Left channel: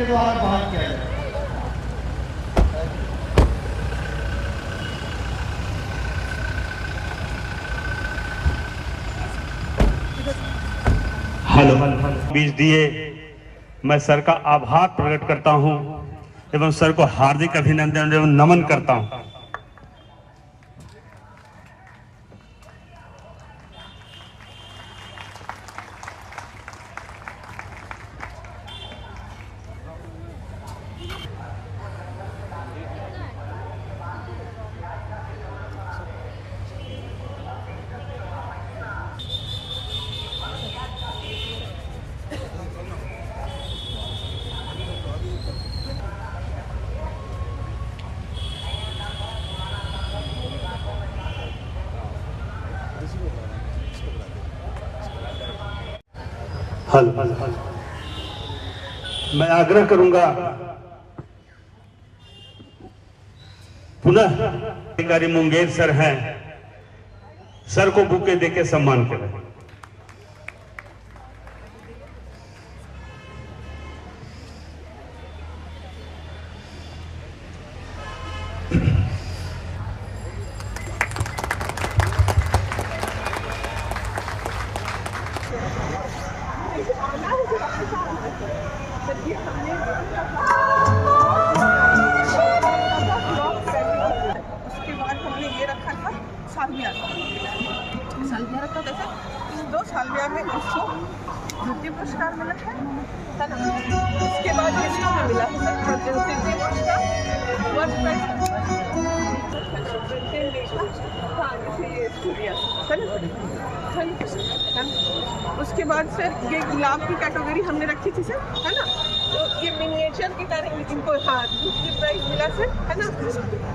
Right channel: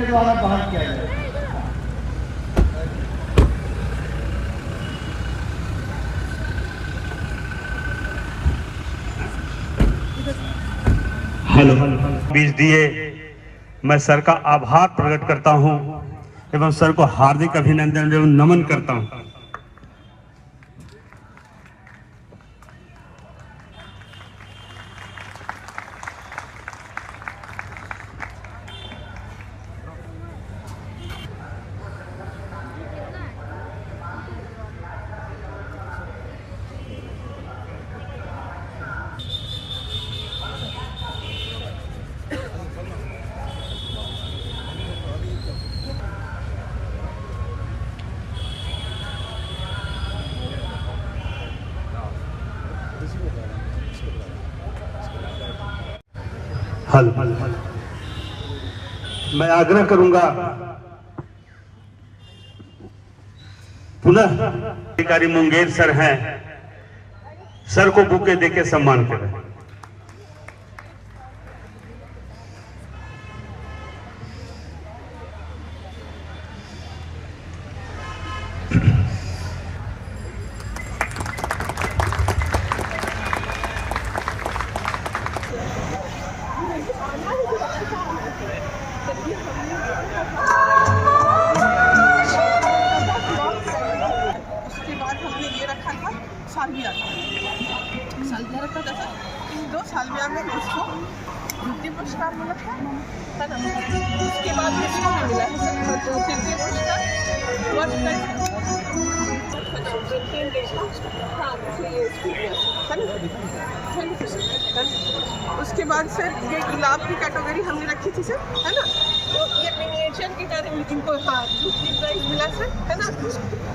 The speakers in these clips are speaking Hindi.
के द्वारा बहाल किया जाए। बीज दिए, मैं सर का आभार प्रकट करता हूं एवं सर को हार्दिक अभिनंदन एवं नमन करता हूं। मैं आग्रह करूंगा पुनः अधिकारी मुंगेर सर हैं, सर को बुके देके सम्मान करें। उसके बाद हमने ये रखा था सालविया रखा था सर। 2 सालविया में इसको द्वितीय पुरस्कार मिला था ना। उसके बाद इसको भी मिला है सर तृतीय पुरस्कार। हाँ जैसे ये इसको दिया है ना। उसके बाद सर ये गुलाब की कैटेगरी हमने रखी थी सर, है ना। तो ये मिनिएचर की तरह इनको हाँ दूसरी प्राइज मिला सर, है ना।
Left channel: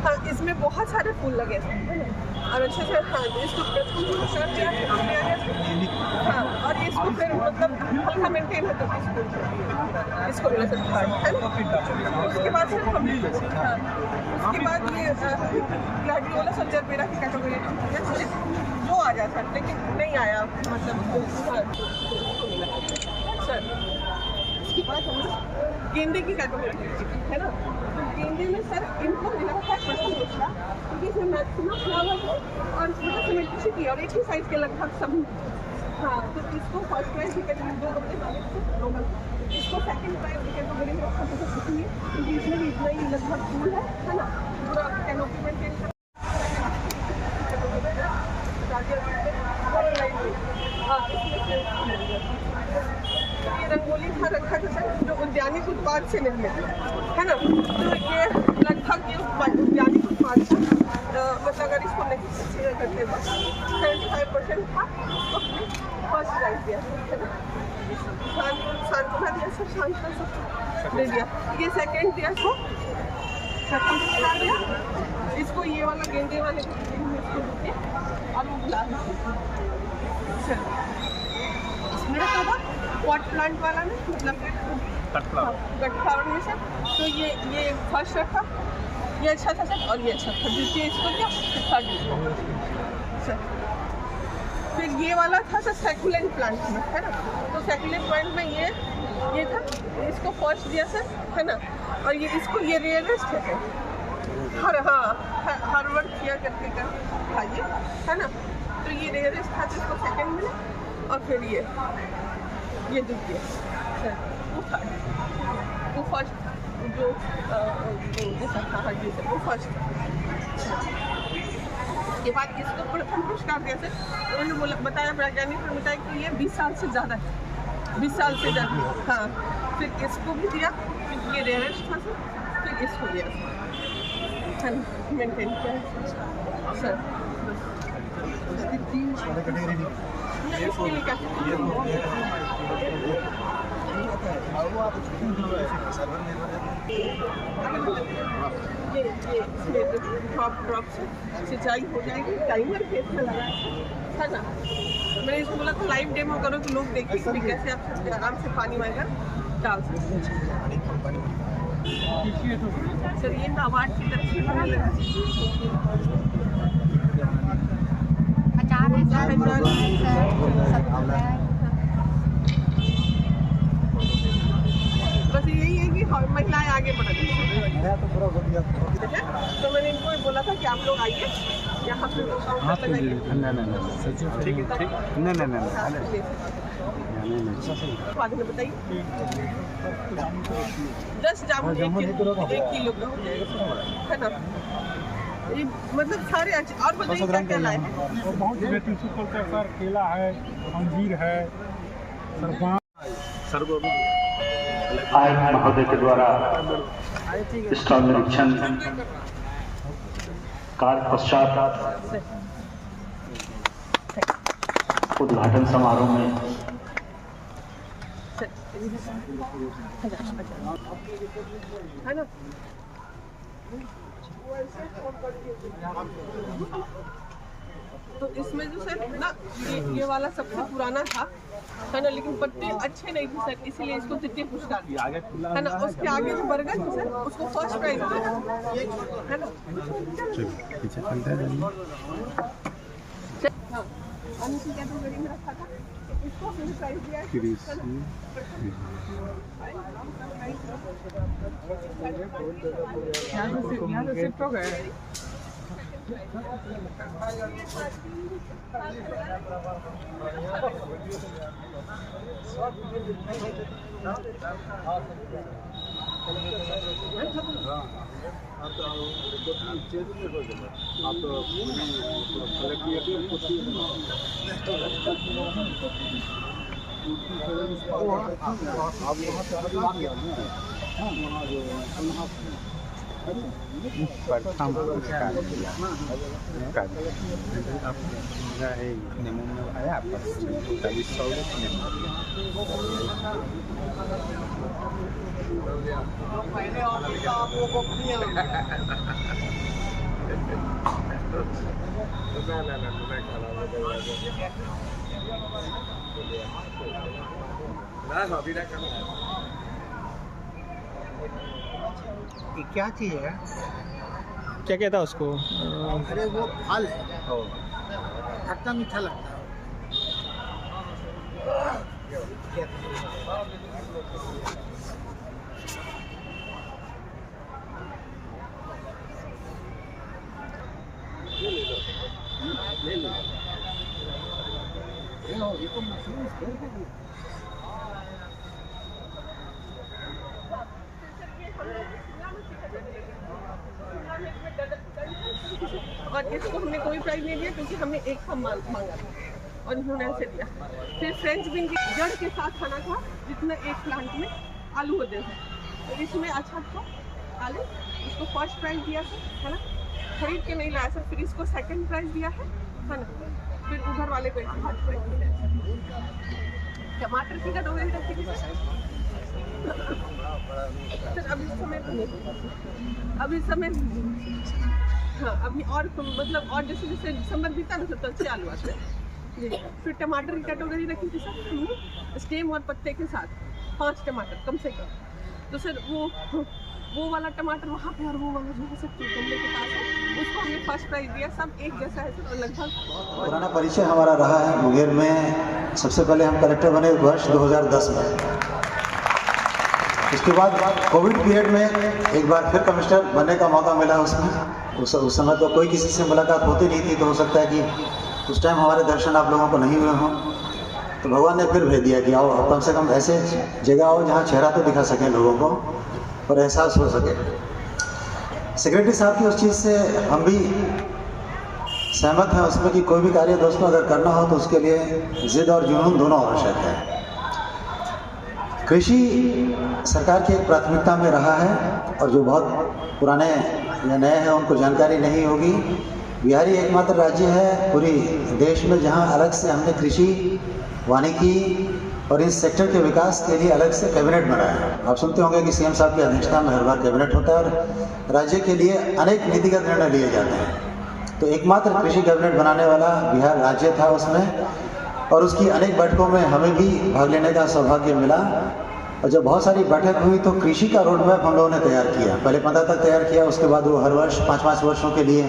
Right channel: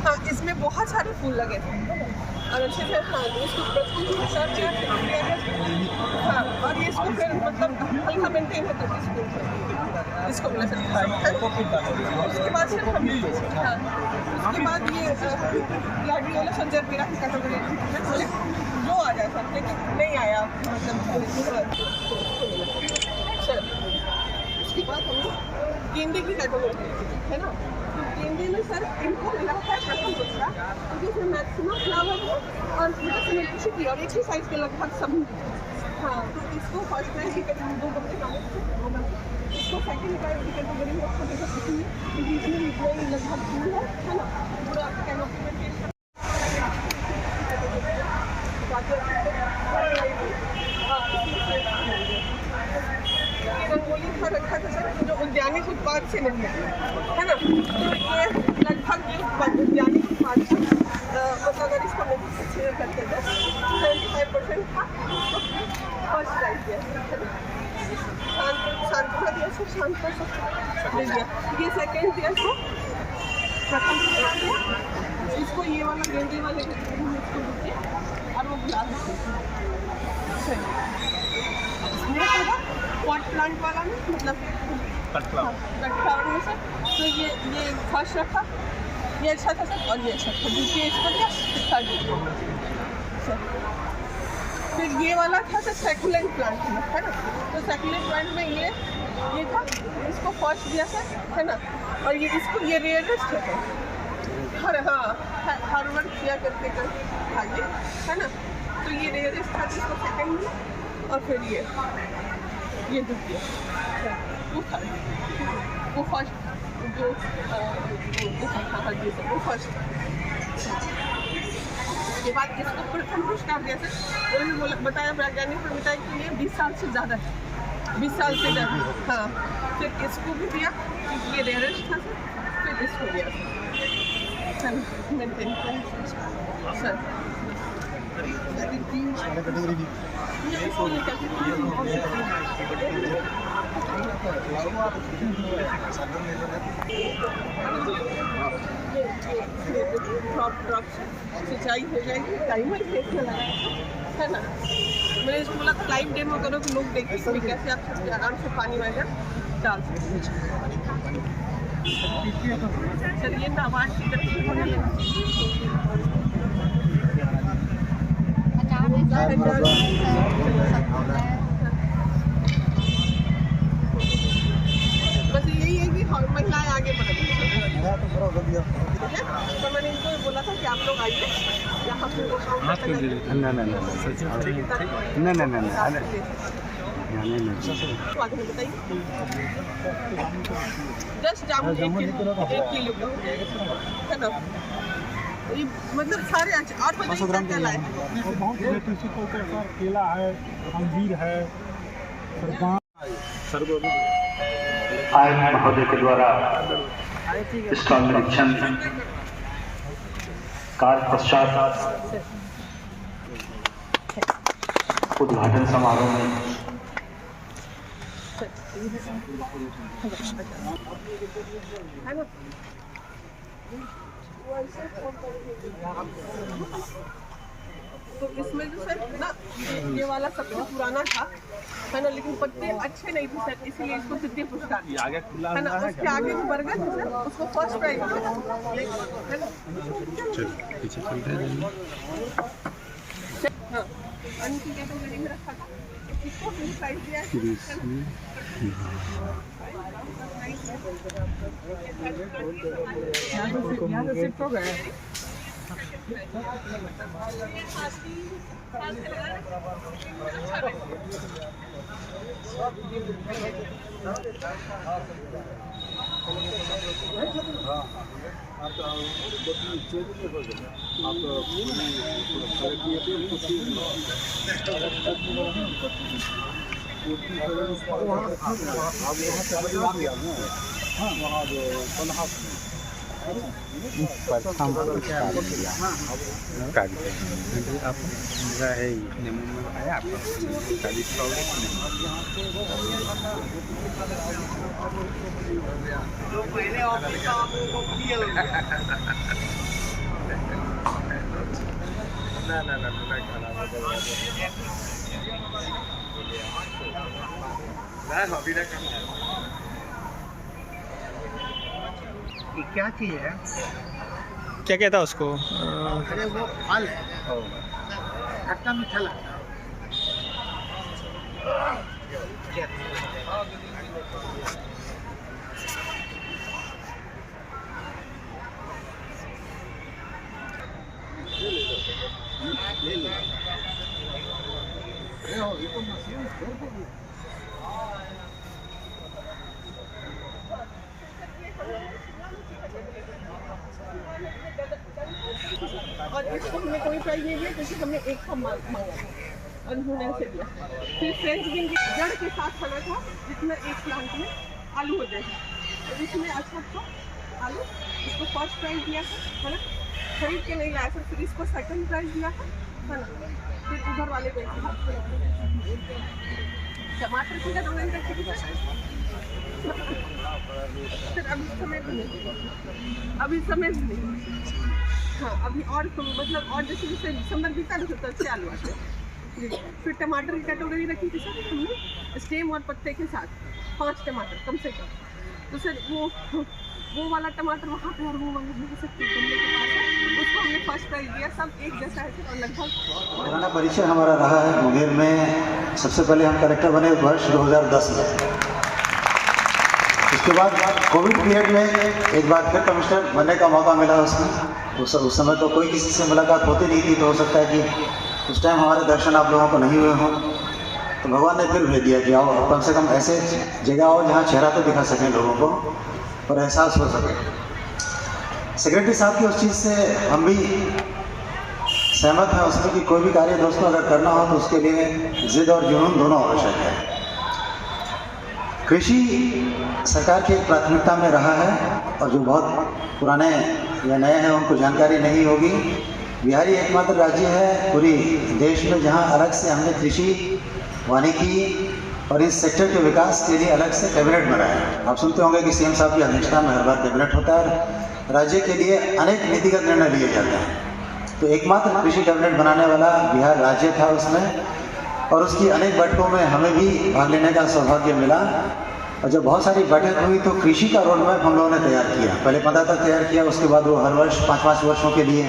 हाँ इसमें बहुत सारे फूल लगे थे, है ना। और अच्छे से हाँ इसको प्रथम पुरस्कार दिया गया। हाँ और ये इसको फिर मतलब हल्का मेंटेन है तो इसको मिला सर, है ना। उसके बाद सर हम हाँ उसके बाद ये ग्लैडियोला संजरबेरा की कैटेगरी जो आ जाए सर, लेकिन नहीं आया मतलब मिला सर। उसके बाद हमने गेंदे की कैटेगरी है ना। तो गेंदे में सर इनको मिला है प्रथम पुरस्कार क्योंकि इसमें मैक्सिमम फ्लावर है और सिमेट्रिसिटी और एक ही साइज के लगभग सब। हाँ तो इसको फर्स्ट प्राइज की कैटेगरी 2 गमले मांगे थे, 2 गमले। इसको सेकंड प्राइज की कैटेगरी में रखा था इसलिए क्योंकि इसमें भी इतना ही लगभग फूल है ना। पूरा कैनोपी मेंटेन कर रंगोली था रखा था सर जो उद्यानिक उत्पाद से निर्मित है ना। तो ये लगभग ये उद्यानिक उत्पाद था मतलब अगर इसको नहीं कंसीडर करते तो 75% था। उसको फर्स्ट प्राइज दिया है ना। शांतना दिया सर, शांता सब दे दिया। ये सेकेंड दिया इसको प्रथम पुरस्कार दिया। इसको ये वाला गेंदे वाले इसको बुके और वो गुलाब सर मेरा क्या था पॉट प्लांट वाला में मतलब कट फ्लावर में सर। तो ये फर्स्ट रखा, ये अच्छा था सर और ये अच्छा था। द्वितीय इसको दिया, थर्ड इसको सर। फिर ये वाला था सर सैकुलेंट प्लांट में, है ना। तो सैकुलेंट प्लांट में ये था, इसको फर्स्ट दिया सर, है ना। और ये इसको ये रेयरेस्ट है हर वर्ड किया करते था ये, है ना। तो ये रेयरेस्ट था तो इसको सेकेंड मिला और फिर ये द्वितीय वो थर्ड, वो फर्स्ट था जो वो फर्स्ट। उसके बाद इसको प्रथम पुरस्कार दिया सर। उन्होंने बोला बताया वैज्ञानिक ने बताया कि ये 20 साल से ज़्यादा है, 20 साल से ज़्यादा। हाँ फिर इसको भी दिया क्योंकि ये रेयरेस्ट था सर। फिर इसको दिया सर मेंटेन किया सर। ड्रॉप से सिंचाई हो जाएगी, टाइमर फेस में लगाया है ना। मैंने इसको बोला था लाइव डेमो करो तो लोग देखें कि कैसे आप आराम से पानी वगैरह डाल सकते हैं सर। ये नाबार्ड की तरफ से होने लगा बस यही है कि तो मैंने इनको ये बोला था कि आप लोग आइए यहाँ पे आगे बताइए 10 जामुन 1 किलो का है ना। ये मतलब सारे और बताइए क्या क्या लाए। और बहुत वेराइटी सर केला है, अंजीर है, आयुक्त महोदय के द्वारा इसका निरीक्षण कार्य पश्चात उद्घाटन समारोह में है ना। तो इसमें जो सर ना ये वाला सबसे पुराना था है ना, लेकिन पत्ते अच्छे नहीं थे सर, इसीलिए इसको तृतीय पुरस्कार है ना। उसके आगे जो बर्गर थे सर उसको फर्स्ट प्राइज है ना। हाँ अन्य की कैटेगरी में रखा था, इसको फिर प्राइज दिया है। यहाँ से शिफ्ट हो गए। क्या चीज़ है? क्या कहता उसको? अरे वो फल है, खट्टा मीठा लगता है। ले लो। ये तो मशरूम और इसको हमने कोई प्राइस नहीं दिया क्योंकि हमने एक था मांगा था और इन्होंने ऐसे दिया। फिर फ्रेंच बीन की जड़ के साथ खाना था जितना एक प्लांट में आलू होते हैं, तो इसमें अच्छा था आलू, इसको फर्स्ट प्राइज दिया था है ना। खरीद के नहीं लाया सर, फिर इसको सेकंड प्राइज दिया है ना। फिर उधर वाले को फर्स्ट प्राइज दिया। टमाटर की कैटेगरी रखी थी सर, अभी समय नहीं। हाँ अभी और मतलब और जैसे जैसे दिसंबर बीता ना तो अच्छे आलू आते हैं जी। फिर टमाटर की कैटेगरी रखी थी सर हमने स्टेम और पत्ते के साथ 5 टमाटर कम से कम। तो सर वो वाला टमाटर वहाँ पे और वो वाला जो है गमले के पास है उसको हमने फर्स्ट प्राइज दिया। सब एक जैसा है सर और लगभग पुराना परिचय हमारा रहा है मुंगेर में। सबसे पहले हम कलेक्टर बने वर्ष 2010 में। उसके बाद कोविड पीरियड में एक बार फिर कमिश्नर बनने का मौका मिला उसमें। उस समय तो कोई किसी से मुलाकात होती नहीं थी, तो हो सकता है कि उस टाइम हमारे दर्शन आप लोगों को नहीं हुए हों। तो भगवान ने फिर भेज दिया कि आओ कम से कम ऐसे जगह आओ जहाँ चेहरा तो दिखा सकें लोगों को और एहसास हो सके। सेक्रेटरी साहब की उस चीज़ से हम भी सहमत हैं उसमें कि कोई भी कार्य दोस्तों अगर करना हो तो उसके लिए जिद और जुनून दोनों आवश्यक है। कृषि सरकार की एक प्राथमिकता में रहा है और जो बहुत पुराने या नए हैं उनको जानकारी नहीं होगी। बिहार ही एकमात्र राज्य है पूरी देश में जहां अलग से हमने कृषि, वानिकी और इस सेक्टर के विकास के लिए अलग से कैबिनेट बनाया है। आप सुनते होंगे कि सीएम साहब की अध्यक्षता में हर बार कैबिनेट होता है और राज्य के लिए अनेक नीतिगत निर्णय लिए जाते हैं। तो एकमात्र कृषि कैबिनेट बनाने वाला बिहार राज्य था उसमें, और उसकी अनेक बैठकों में हमें भी भाग लेने का सौभाग्य मिला। और जब बहुत सारी बैठक हुई तो कृषि का रोड मैप हम लोगों ने तैयार किया। पहले 15 तक तैयार किया, उसके बाद वो हर वर्ष 5-5 वर्षों के लिए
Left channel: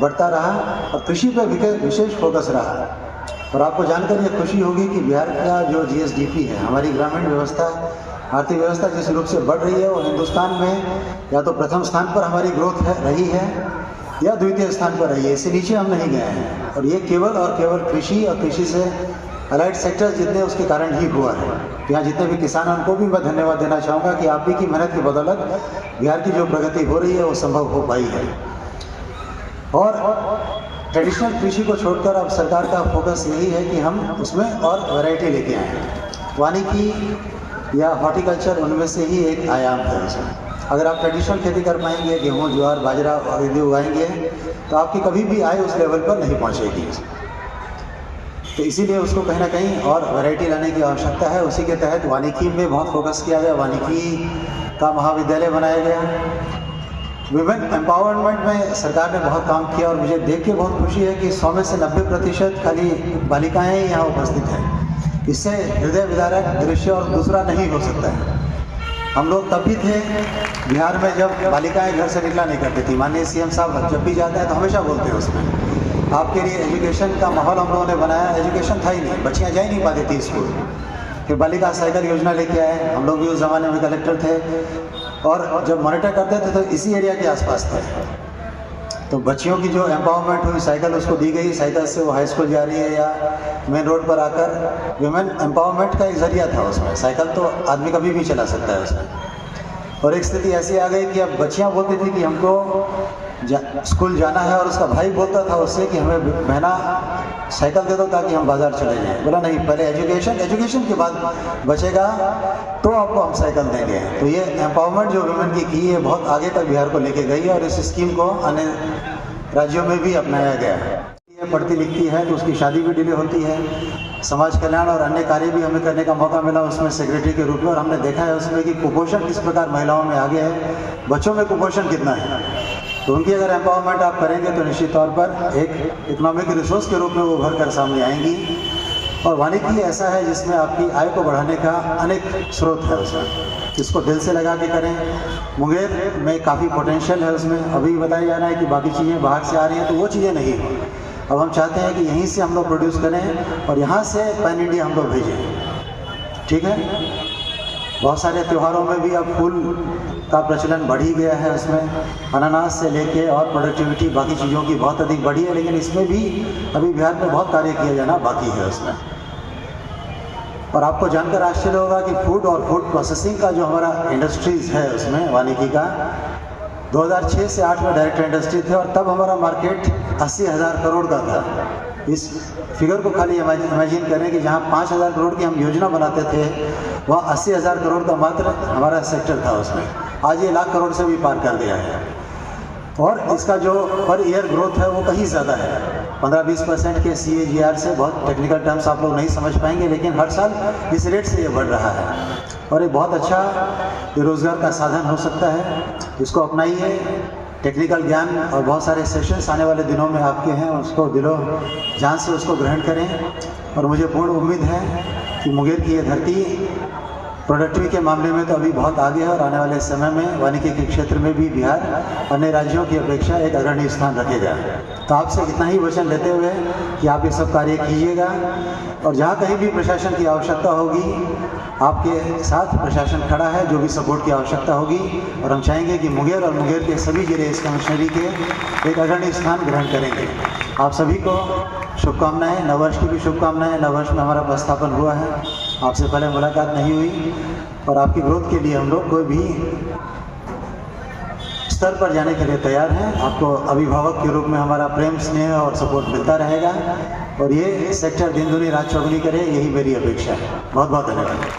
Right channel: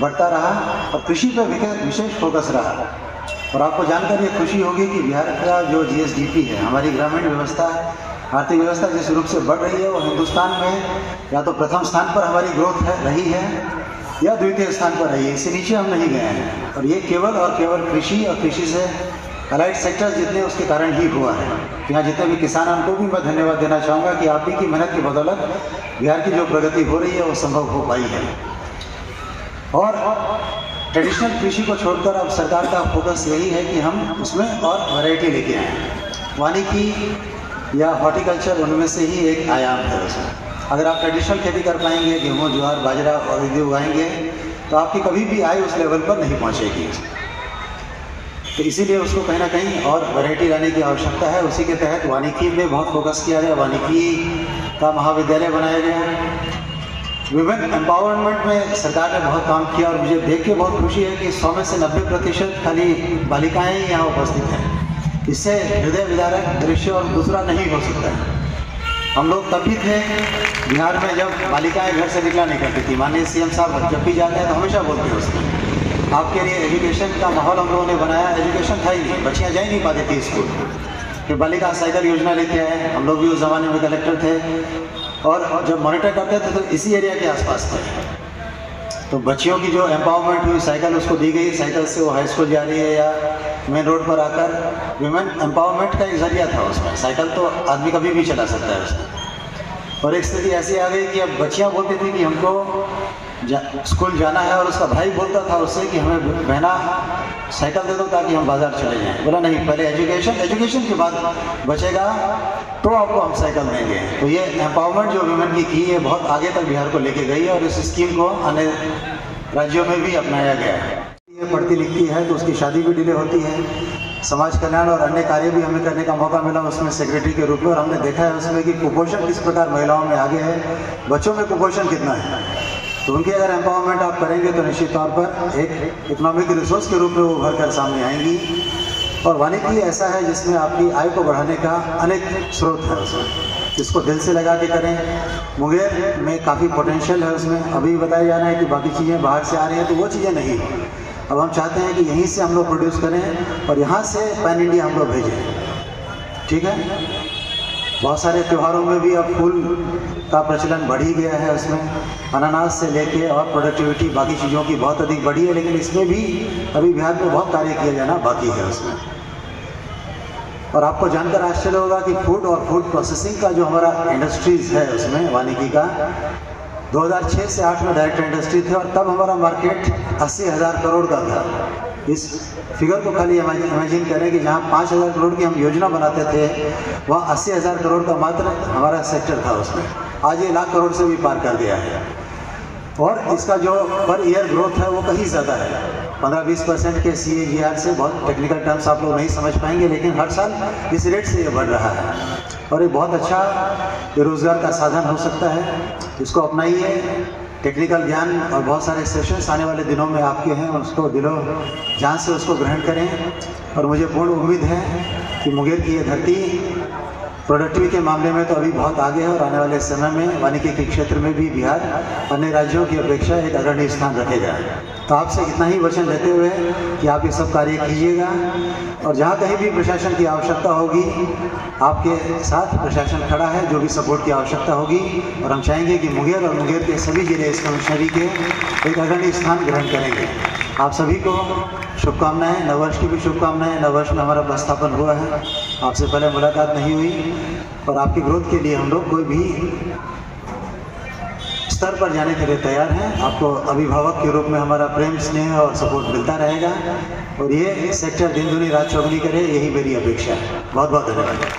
बढ़ता रहा और कृषि पर विशेष फोकस रहा। और आपको जानकर ये खुशी होगी कि बिहार का जो GSDP है, हमारी ग्रामीण व्यवस्था आर्थिक व्यवस्था जिस रूप से बढ़ रही है वो हिंदुस्तान में या तो प्रथम स्थान पर हमारी ग्रोथ रही है या द्वितीय स्थान पर रही है, इससे नीचे हम नहीं गए हैं। और ये केवल और केवल कृषि और कृषि से अलाइड सेक्टर जितने उसके कारण ही हुआ है। यहाँ जितने भी किसान हैं उनको भी मैं धन्यवाद देना चाहूँगा कि आप ही की मेहनत की बदौलत बिहार की जो प्रगति हो रही है वो संभव हो पाई है। और ट्रेडिशनल कृषि को छोड़कर अब सरकार का फोकस यही है कि हम उसमें और वैरायटी लेके आएँ। वानिकी या हॉर्टिकल्चर उनमें से ही एक आयाम है उसमें। अगर आप ट्रेडिशनल खेती कर पाएंगे, गेहूँ, ज्वार, बाजरा और यदि उगाएंगे तो आपकी कभी भी आय उस लेवल पर नहीं पहुँचेगी। तो इसीलिए उसको कहीं ना कहीं और वैरायटी लाने की आवश्यकता है। उसी के तहत वानिकी में बहुत फोकस किया गया, वानिकी का महाविद्यालय बनाया गया। वुमेन एम्पावरमेंट में सरकार ने बहुत काम किया और मुझे देख के बहुत खुशी है कि 100 में से 90% खाली बालिकाएँ ही यहाँ उपस्थित हैं। इससे हृदय विदारक दृश्य और दूसरा नहीं हो सकता है। हम लोग तब भी थे बिहार में जब बालिकाएं घर से निकला नहीं करती थी। माननीय सीएम साहब जब भी जाते हैं तो हमेशा बोलते हैं उसमें आपके लिए एजुकेशन का माहौल हम लोगों ने बनाया। एजुकेशन था ही नहीं, बच्चियाँ जा ही नहीं पाती थी स्कूल। फिर बालिका साइकिल योजना लेके आए, हम लोग भी उस ज़माने में कलेक्टर थे और जब मॉनिटर करते थे तो इसी एरिया के आसपास थे। तो बच्चियों की जो एम्पावरमेंट हुई, साइकिल उसको दी गई, साइकिल से वो हाई स्कूल जा रही है या मेन रोड पर आकर वुमेन एम्पावरमेंट का एक जरिया था उसमें। साइकिल तो आदमी कभी भी चला सकता है उसमें। और एक स्थिति ऐसी आ गई कि अब बच्चियाँ बोलती थी कि हमको स्कूल जाना है और उसका भाई बोलता था उससे कि हमें बहना साइकिल दे दो ताकि हम बाज़ार चले जाएँ। बोला नहीं, पहले एजुकेशन के बाद बचेगा तो आपको हम साइकिल देंगे। तो ये एम्पावरमेंट जो वुमेन की है बहुत आगे तक बिहार को लेके गई और इस स्कीम को अन्य राज्यों में भी अपनाया गया है। पढ़ती लिखती है तो उसकी शादी भी डिले होती है। समाज कल्याण और अन्य कार्य भी हमें करने का मौका मिला उसमें सेक्रेटरी के रूप में, और हमने देखा है उसमें कि कुपोषण किस प्रकार महिलाओं में आगे है, बच्चों में कुपोषण कितना है। तो उनकी अगर एम्पावरमेंट आप करेंगे तो निश्चित तौर पर एक इकोनॉमिक रिसोर्स के रूप में वो उभर कर सामने आएंगी। और वानिकी ऐसा है जिसमें आपकी आय को बढ़ाने का अनेक स्रोत है उसमें। इसको दिल से लगा के करें। मुंगेर में काफ़ी पोटेंशियल है उसमें। अभी बताया जा रहा है कि बाकी चीज़ें बाहर से आ रही हैं, तो वो चीज़ें नहीं हैं। अब हम चाहते हैं कि यहीं से हम लोग प्रोड्यूस करें और यहाँ से पैन इंडिया हम लोग भेजें। ठीक है। बहुत सारे त्योहारों में भी अब फूल का प्रचलन बढ़ ही गया है उसमें। अनानास से लेके और प्रोडक्टिविटी बाकी चीज़ों की बहुत अधिक बढ़ी है, लेकिन इसमें भी अभी बिहार में बहुत कार्य किया जाना बाकी है उसमें। और आपको जानकर आश्चर्य होगा कि फूड और फूड प्रोसेसिंग का जो हमारा इंडस्ट्रीज़ है उसमें वानिकी का 2006 से 2008 में डायरेक्ट इंडस्ट्री थे और तब हमारा मार्केट 80,000 करोड़ का था। इस फिगर को खाली इमेजिन करें कि जहाँ 5,000 करोड़ की हम योजना बनाते थे वहाँ 80,000 करोड़ का मात्र हमारा सेक्टर था उसमें। आज ये लाख करोड़ से भी पार कर दिया है। और इसका जो पर ईयर ग्रोथ है वो कहीं ज़्यादा है, 15-20% के CAGR से। बहुत टेक्निकल टर्म्स आप लोग नहीं समझ पाएंगे, लेकिन हर साल इस रेट से ये बढ़ रहा है और ये बहुत अच्छा रोज़गार का साधन हो सकता है। इसको अपनाइए। टेक्निकल ज्ञान और बहुत सारे सेशंस आने वाले दिनों में आपके हैं, उसको दिलो जान से उसको ग्रहण करें। और मुझे पूर्ण उम्मीद है कि मुंगेर की ये धरती प्रोडक्टिविटी के मामले में तो अभी बहुत आगे है और आने वाले समय में वानिकी के क्षेत्र में भी बिहार अन्य राज्यों की अपेक्षा एक अग्रणी स्थान रखेगा। तो आपसे इतना ही वचन लेते हुए कि आप ये सब कार्य कीजिएगा और जहाँ कहीं भी प्रशासन की आवश्यकता होगी आपके साथ प्रशासन खड़ा है, जो भी सपोर्ट की आवश्यकता होगी। और हम चाहेंगे कि मुंगेर और मुंगेर के सभी जिले इस कमिश्नरी के एक अग्रणी स्थान ग्रहण करेंगे। आप सभी को शुभकामनाएं, नववर्ष की भी शुभकामनाएं। नववर्ष में हमारा प्रस्थापन हुआ है, आपसे पहले मुलाकात नहीं हुई और आपकी ग्रोथ के लिए हम लोग कोई भी स्तर पर जाने के लिए तैयार हैं। आपको अभिभावक के रूप में हमारा प्रेम, स्नेह और सपोर्ट मिलता रहेगा और ये सेक्टर दिन दुनी रात चौगुनी करे, यही मेरी अपेक्षा है। बहुत बहुत धन्यवाद।